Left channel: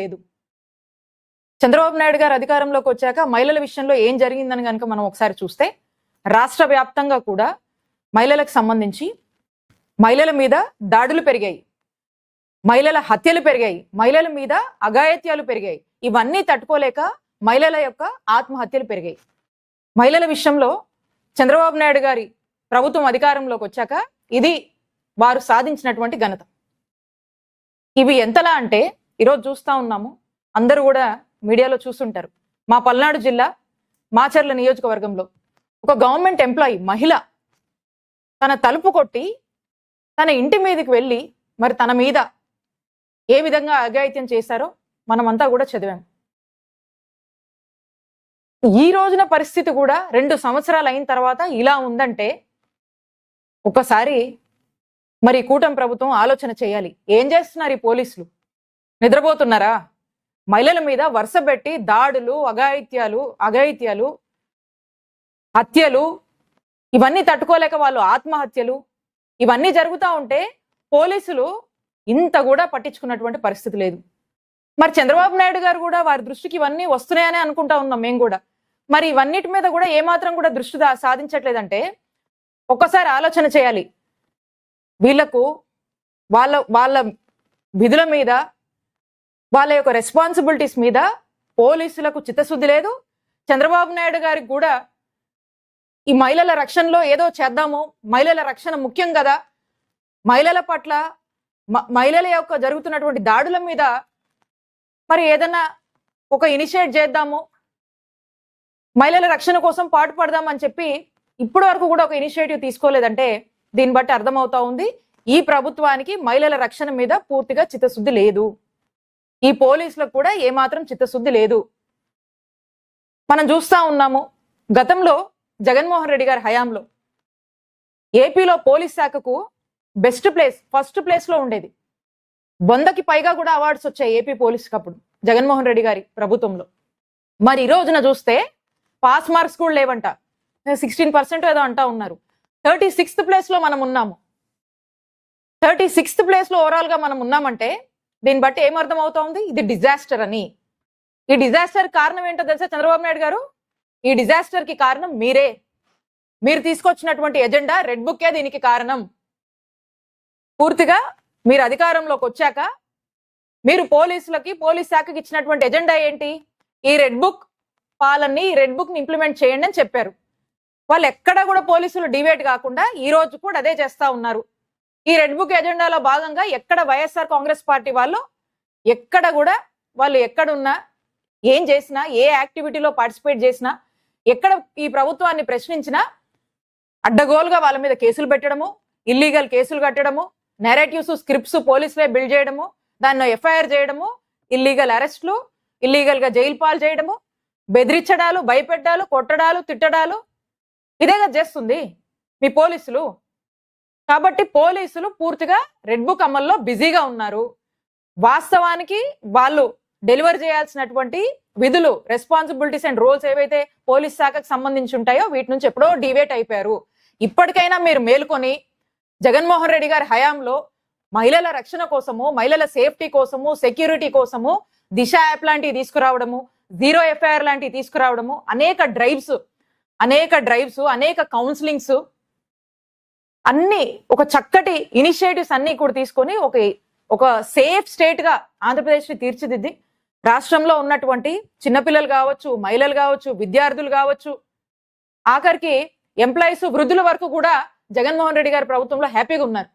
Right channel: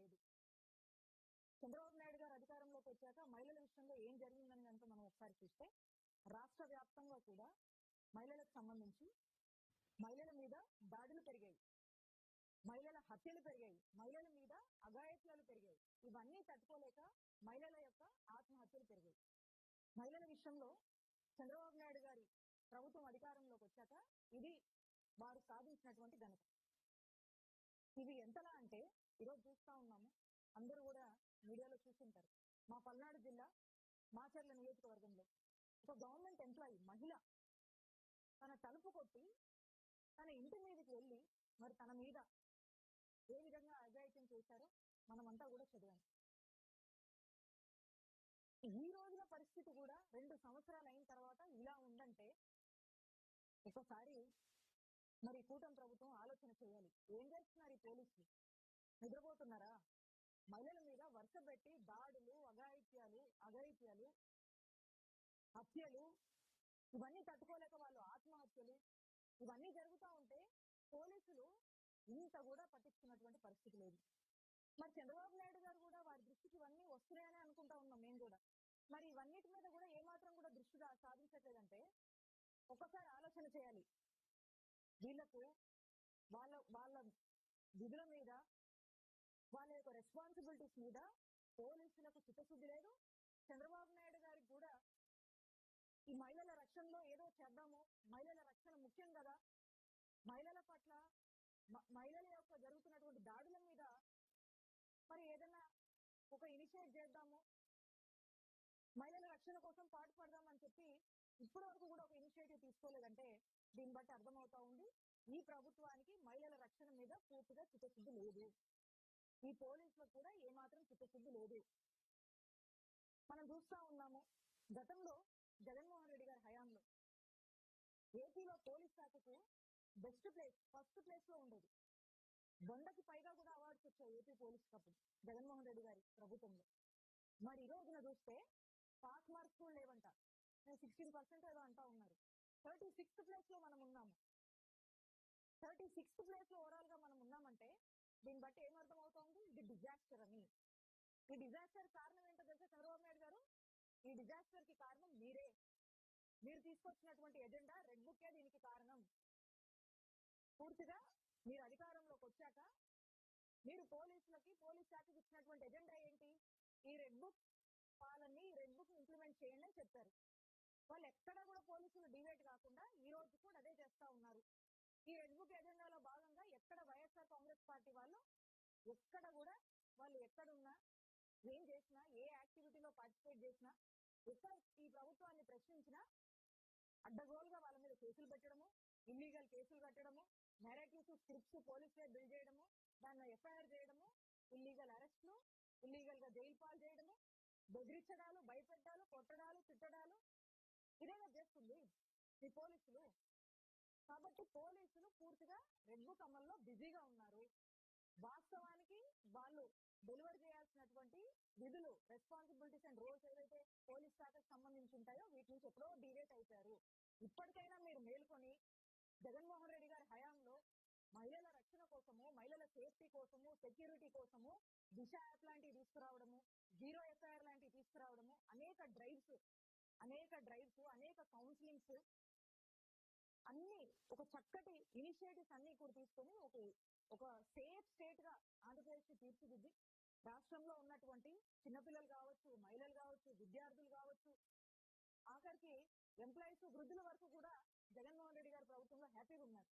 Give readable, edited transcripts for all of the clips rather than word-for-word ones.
లేదు. చంద్రబాబు నాయుడు గారు అధికారంలోకి వచ్చాక మహిళల విషయంలో ఏం జరిగిందని కనుక మనం ఒకసారి చూస్తే రాష్ట్ర వ్యాప్తంగా కూడా మహిళలకు సంబంధించి మహిళల మీద దాడులు పెరిగాయి, మహిళల హత్యలు పెరిగాయి, మహిళల మీద అఘాయిత్యాలు పెరిగాయి. ఇవన్నీ తట్టుకోలేక మహిళల యొక్క ఆత్మహత్యలు పెరిగాయి. మహిళల విషయంలో చంద్రబాబు నాయుడు గారి ప్రభుత్వం అధికారంలోకి వచ్చాక ఇది వారు సాధించినటువంటి ఘనత. ఇవి ఎంతలా అంటే ఈరోజు చూస్తా ఉన్నాము, అందరూ కూడా మీడియాలో చూస్తుంటారు. మా పల్నాడు జిల్లా మాచర్ల నియోజకవర్గంలో ఒక గవర్నమెంట్ ఎంప్లాయీ మహిళ తన తలుపు కొట్టి తన ఇంటి మీదకి వెళ్ళి మరి తన మీద ఏ విధంగా అఘాయిత్యం చేశారో మనమంతా కూడా చదివాం. ఈ రోజున పరిస్థితి కూడా 2 సంవత్సరాలు అయిన తర్వాత ఇలా ఉందంటే ఒకసారి మరి కూటమి ప్రభుత్వం ఆలోచన చేయాలి. ఏం చేస్తున్నారు ఈ పోలీసులు? నిద్రపోతున్నారా? మహిళల మీద వరుస పెట్టి దాడులు, అఘాయిత్యాలు, హత్యలు, ఇవన్నీ తట్టుకోలేక వాళ్ళు ఆత్మహత్యలు, ఇవన్నీ జరుగుతూ ఉంటే పోలీసులు ఇంత కూడా పట్టించుకున్నటువంటి పరిస్థితి లేదు. మరి చంద్రబాబు నాయుడు గారు కూడా వారి దృష్టికి ఇవన్నీ వస్తున్నాయని అనుకుంటా ఉన్నాం మేము కూడా. మరి ఇవన్నిటి మీద కూడా ఏమాత్రం కూడా దృష్టి సాధించట్లేదంటే ఒక్కసారి ఆలోచన చేయాలి. వీళ్లకు వాళ్ళ విధుల మీద, వాళ్ళ యొక్క రెస్పాన్సిబిలిటీస్ మీద పోలీసులకు చిత్తశుద్ధి లేదు. చంద్రబాబు నాయుడు గారికి కూడా ఈ మహిళల రక్షణలో ఏదో చేద్దాము, మహిళల రక్షణ ముఖ్యం కదా, మహిళల పట్ల మహిళల యొక్క జరుగుతున్నటువంటి దాడుల మీద మరి ఏదన్నా ఒక ఇనిషియేట్ చేద్దాము, మహిళల రక్షణ కోసం పాటుపడదామని చెప్పి ఇప్పటి వరకు కూడా ఒక ఇనిషియేటివ్ తీసుకోలేదంటే దీన్ని బట్టి అర్థమవుతా ఉంది ఈ ప్రభుత్వానికి మహిళల రక్షణ మీద పూర్తిగా చిత్తశుద్ధి లేదు. ఈ పోలీసులకు కూడా ఏమాత్రం చిత్తశుద్ధి లేదు. మనం చూస్తా ఉన్నాము, గతంలో జగన్మోహన్ రెడ్డి గారి హయాంలో ఏపీలో పోలీస్ శాఖకు ఫస్ట్ ప్లేస్ లో ఉండేది. 100కి పైగా కూడా అవార్డ్స్ వచ్చాయి ఏపీ పోలీసుకి అప్పుడు జగన్మోహన్ రెడ్డి గారి ప్రభుత్వంలో. మరి ఈ రోజున చూస్తే పాస్ మార్క్స్ కూడా లేవంట, 16% ఏదో అంటా ఉన్నారు. 36th ప్లేస్ లో మనం ఉన్నాము. 36th ప్లేస్ లో ఓవరాల్ గా మనం ఉన్నామంటే దీన్ని బట్టి ఏమర్థం అవుతా ఉంది? ఇది డిజాస్టర్ అని. ఈ డిజాస్టర్ కారణం ఏంటో తెలుసా చంద్రబాబు నాయుడు గారు? ఈ డిజాస్టర్ కి కారణం మీరే. మీరు తీసుకొచ్చినటువంటి ఎజెండా రెడ్ బుక్కే దీనికి కారణం. పూర్తిగా మీరు అధికారంలోకి వచ్చాక మీరు పోలీస్ శాఖకి ఇచ్చినటువంటి ఎజెండా ఏంటి? ఈ రెడ్ బుక్ పాలనని, ఈ రెడ్ బుక్ ని ఇంప్లిమెంట్ చేయండి అని చెప్పారు. వాళ్ళు ఎక్కడ కూడా పోలీసులు డివేట్ కాకుండా ఈ రోజు కూడా అదే చేస్తా ఉన్నారు. ఈ రెడ్ బుక్ ఎజెండాలో భాగంగా ఎక్కడ వైఎస్ఆర్ కాంగ్రెస్ పార్టీ వాళ్ళు ఎక్కడ కూడా వాళ్ళు ఎక్కడున్నా, ఏం చేసినా, ఏ యాక్టివిటీలో పార్టిసిపేట్ చేసినా, ఎక్కడ ఈ ప్రభుత్వాన్ని ప్రశ్నించినా అడ్డగోలుగా వాళ్ళ మీద కేసులు పెట్టడము, ఇల్లీగల్ కేసులు కట్టడము, నెరేటివ్స్, స్క్రిప్ట్స్ పోలీసులే బిల్డ్ చేయడము, దాన్ని ఎఫ్ఐఆర్ చేయడము, ఇల్లీగల్ అరెస్టులు, ఇల్లీగల్ గా జైలు పాలు చేయడము, బెదిరించడాలు, భయపెట్టాలు, కొట్టడాలు, తిట్టడాలు, ఇదేగా చేస్తుంది మీ పోలీసులు. కాబట్టి పోలీసులు పూర్తిగా రెడ్ బుక్ అమల్లో బిజీగా ఉన్నారు. వాస్తవానికి వాళ్ళు డెలివర్ చేయాల్సినటువంటి విధులు, రెస్పాన్సిబిలిటీస్ అండ్ రోల్స్ ఏవైతే పోలీస్ శాఖకు సంబంధించి ఉంటాయో వీటి నుంచి ఎప్పుడో డివేట్ అయిపోయారు. ఇప్పటికైనా మీరు మేలుకొని జగన్మోహన్ రెడ్డి గారి హయాంలో మహిళల రక్షణ కోసము, మహిళల సేఫ్టీ కోసము, సెక్యూరిటీ కోసము దిశ యాప్ లాంటివి తీసుకురావడము, జీరో ఎఫ్ఐఆర్ లాంటివి తీసుకురావడము, అనేక డ్రైవ్స్, అనేక కౌన్సిలింగ్స్, అన్ని ఒక చక్కటి ఇనిషియేటివ్స్ అన్ని కూడా తీసుకొని ఒక సేఫ్ స్టేట్ గా ఆంధ్రప్రదేశ్ ని తీర్చిదిద్ది రాష్ట్రంలో ఉన్నటువంటి చిన్నపిల్లలు కావచ్చు, మహిళలు కావచ్చు, విద్యార్థులు కావచ్చు, ఆఖరికి ఎంప్లాయీస్, వృద్ధుల వరకు కూడా జగన్మోహన్ రెడ్డి గారి ప్రభుత్వంలో హ్యాపీగా ఉన్నారు.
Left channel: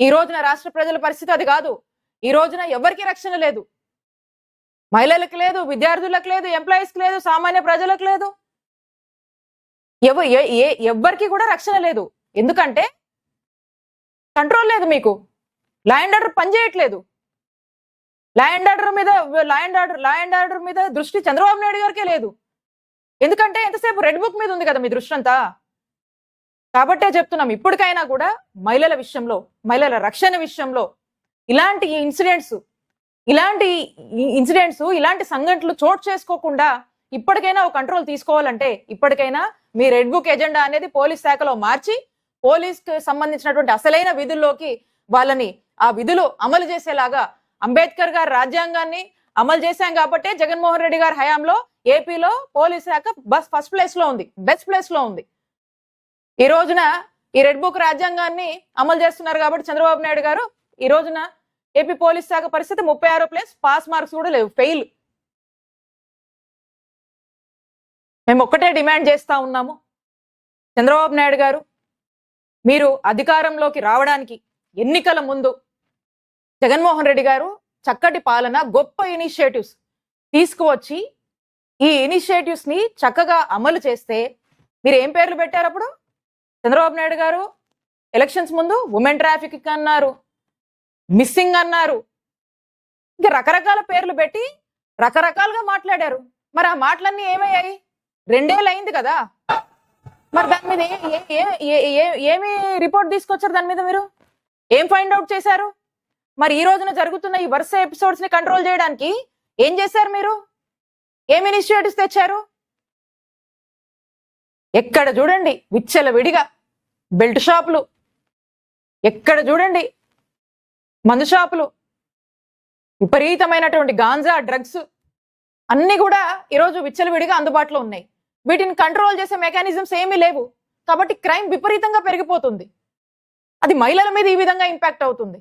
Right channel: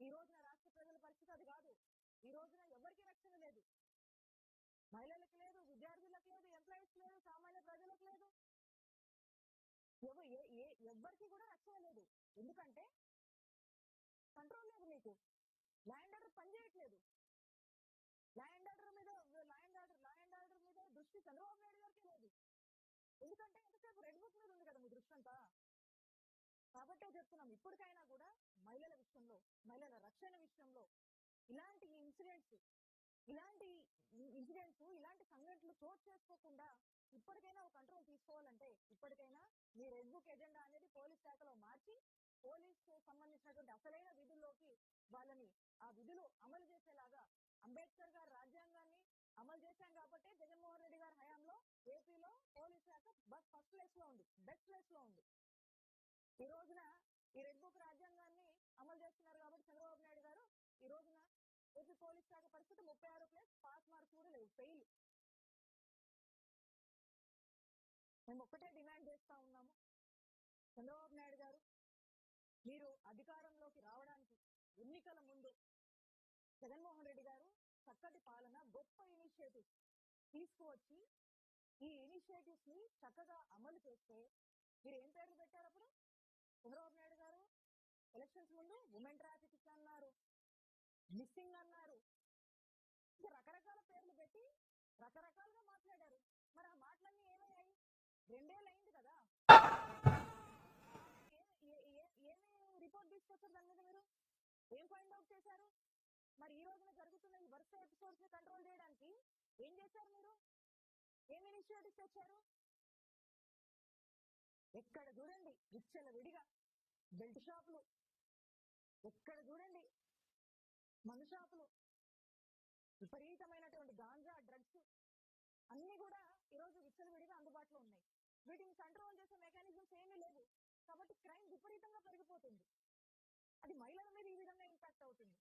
ఈ రోజున రాష్ట్ర ప్రజల పరిస్థితి అది కాదు. ఈ రోజున ఎవరికి రక్షణ లేదు. మహిళలకు లేదు, విద్యార్థులకు లేదు, ఎంప్లాయీస్కి లేదు, సామాన్య ప్రజలకు లేదు, ఎవ్వరికి కూడా రక్షణ లేదు. ఎందుకంటే కంట్రోల్ లేదు మీకు. లా అండ్ ఆర్డర్ పనిచేయట్లేదు. లా అండ్ ఆర్డర్ మీద దృష్టి చంద్రబాబు నాయుడు గారికే లేదు. ఎందుకంటే ఎంతసేపు రెడ్ బుక్ మీద ఉంది కదా మీ దృష్టి అంతా. కాబట్టే చెప్తున్నాం, ఇప్పటికైనా కూడా మహిళల విషయంలో, మహిళల రక్షణ విషయంలో ఇలాంటి ఇన్సిడెంట్స్, ఇలాంటి సంఘటనలు చోటు చేసుకోకుండా ఇప్పటికైనా ఒక కంట్రోల్ తీసుకోవాలంటే ఇప్పటికైనా మీ రెడ్ బుక్ ఎజెండా అనేది పోలీస్ శాఖలో మార్చి పోలీస్ కి సంబంధించినటువంటి అసలైన విధుల్లోకి వాళ్ళని ఆ విధులు అమలు చేసేలాగా అంబేద్కర్ గారి రాజ్యాంగాన్ని, అమలు చేశాం కాబట్టి జగన్మోహన్ రెడ్డి గారి హయాంలో ఏపీలో పోలీస్ శాఖ ఫస్ట్ ప్లేస్ లో ఉంది, బెస్ట్ ప్లేస్ లో ఉంది. ఈ రోజున ఈ రెడ్ బుక్ రాజ్యాంగాన్ని అమలు చేస్తున్నారు కాబట్టి చంద్రబాబు నాయుడు గారు ఈ రోజున ఏపీ పోలీస్ శాఖ పరిస్థితి 36 ప్లేస్, పాస్ మార్క్స్ కూడా లేవు, ఫెయిల్. మేము ఒక్కటే డిమాండ్ చేస్తా ఉన్నాము, చంద్రబాబు నాయుడు గారు మీరు అధికారంలోకి రావడానికి ఎన్నికల ముందు జగన్మోహన్ రెడ్డి గారు చక్కటి పాలన, గొప్ప ఇనిషియేటివ్స్ తీసుకువచ్చి ఈ ఇనిషియేటివ్స్ ని చక్కగా అమలు చేస్తే మీరు ఏం పేర్లు పెట్టారు అప్పుడు? చంద్రబాబు నాయుడు గారు ఎలక్షన్స్ ముందు ఉమెన్ ట్రాఫిక్ అన్నారు, మిస్సింగ్ అన్నారు, ఇంకా రకరకాల పేర్లు పెట్టి రకరకాలుగా మాట్లాడారు. మరి ఆ మాటలన్నీ ఏమయ్యాయి? 2 ఏళ్ళు అయింది కదా. మరి దాని మీద ఏమి రిపోర్ట్ తీసుకొచ్చారు? దాని మీద మీరు ఏం ఫైండ్ అవుట్ చేశారు? మరి ఈ రోజున జరుగుతున్న ఈ వరుస ఎపిసోడ్స్ ని కంట్రోల్ చేయడానికి ఏం చేశారు? మీరు ఏం ఇనిషియేటివ్స్ తెచ్చారు? ఎక్కడ చూడండి విచ్చల విడిగా బెల్ట్ షాపులు, ఎక్కడ చూడండి మందు షాపులు, విపరీతమైనటువంటి గాంజా, డ్రగ్స్ అన్ని కూడా ఈరోజు విచ్చలవిడిగా అందుబాటులో ఉన్నాయి. వీటిని కంట్రోల్ చేసే మెకానిజమ్స్ ఏమీ లేవు కాబట్టి క్రైమ్ విపరీతంగా పెరిగిపోతుంది. అది మహిళల మీద ఈ విధంగా ఇంపాక్ట్ అవుతుంది.